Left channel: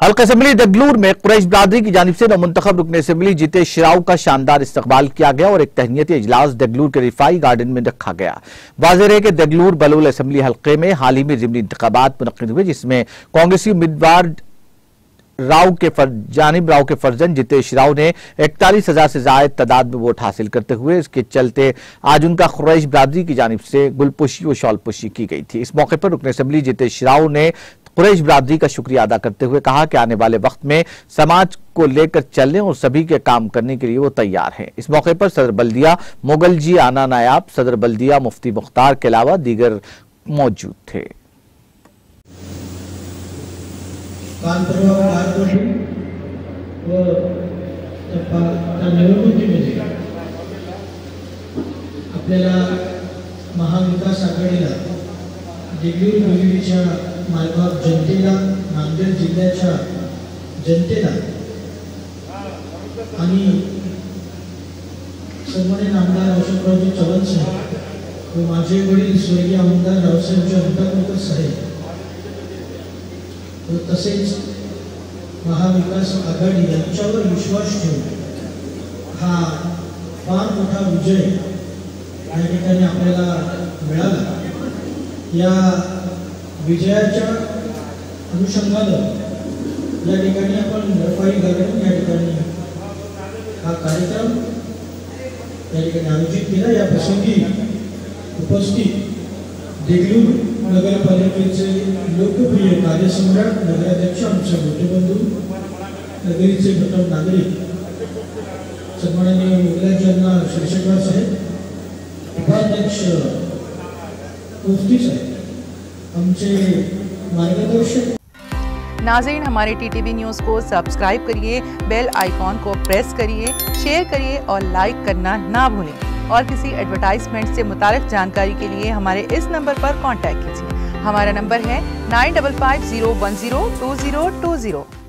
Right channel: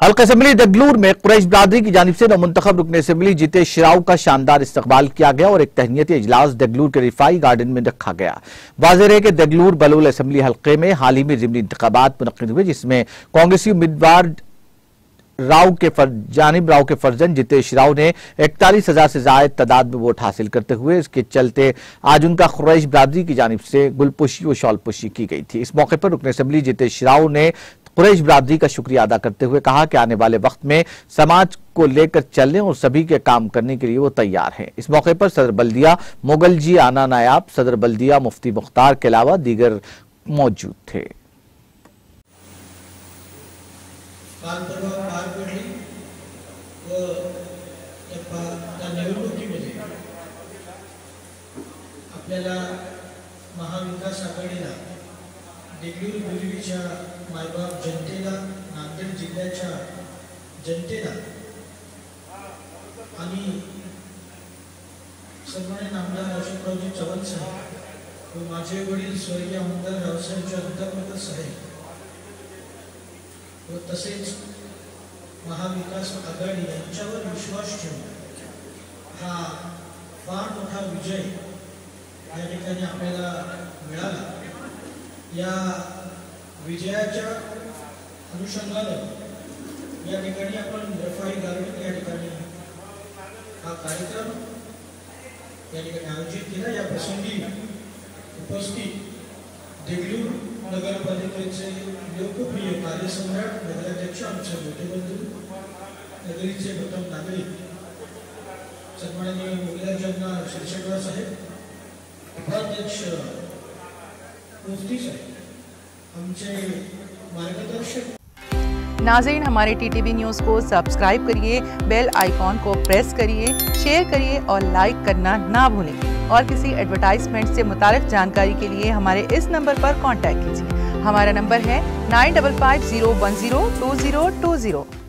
हल्का असम्बली दगलूर में कुरैश बिरादरी की जानिब से नौमुंतखब रुकन असम्बली जितेश शिराव का शानदार इस्तकबाल किया गया और एक तहनीती इजलास दगलूर के रिफाई गार्डन में रखा गया। वाज़ेह है कि दगलूर बलोल असम्बली हल्के में हाल ही में ज़िमनी इंतखाबात मुनक्किद हुए, जिसमें कांग्रेसी उम्मीदवार जानिब राव के फर्जन जितेश शिराव ने 41,000 से जायद तादाद में वोट हासिल करते हुए इसके चलते आज उनका कुरैश बिरादरी की जानिब से गुलपुशी और शॉलपुशी की गई थी। इस मौके पर रुकन असम्बली जितेश शिराव ने कुरैश बिरादरी का शुक्रिया अदा करते हुए कहा कि आने वाले वक्त में समाज को लेकर चलने और सभी के काम करने के लिए वो तैयार हैं। इस मौके पर सदर बल्दिया मोगलजी आना नायाब, सदर बल्दिया मुफ्ती मुख्तार के अलावा दीगर मौजूद थे। आपल्याला महाविकास आघाडीला देगलूर बोरिवलीच्या मायबाप जनतेला, नांदेड जिल्ह्याच्या जनतेला आणि सन्माननीय आमदार अशोकरावजी चव्हाण साहेब व माझे वडील स्वर्गीय आमदार रावसाहेबजी अंतापूरकर साहेब व तसेच महाविकास आघाडी यांच्यावर विश्वास ठेवून हा फार मोठा विजय या ठिकाणी आपल्याला मिळाला। या विजयाच्या अनुषंगानं या ठिकाणी आपण रिफाई गार्डन या ठिकाणी हा कार्यक्रम या ठिकाणी आयोजित केला। या प्रसंगी उपस्थित देगलूर नगरपालिकेचे लोकप्रिय कार्यसम्राट नगराध्यक्ष आमचे मोठे बंधू, नगरीचे प्रथम नागरिक सन्माननीय मोगलांजना शिरशेटवार साहेब, उपाध्यक्ष मुफ्ती साहेब, हमसे मार्गदर्शक। नाज़रीन, हमारे टीटीवी न्यूज़ को सब्सक्राइब करिए, बेल आइकॉन को प्रेस करिए, शेयर करिए और लाइक करना ना भूलें। और किसी एडवर्टाइजमेंट से मुताल्लिक़ जानकारी के लिए हमारे इस नंबर पर कांटेक्ट कीजिए। हमारा नंबर है 9550102020।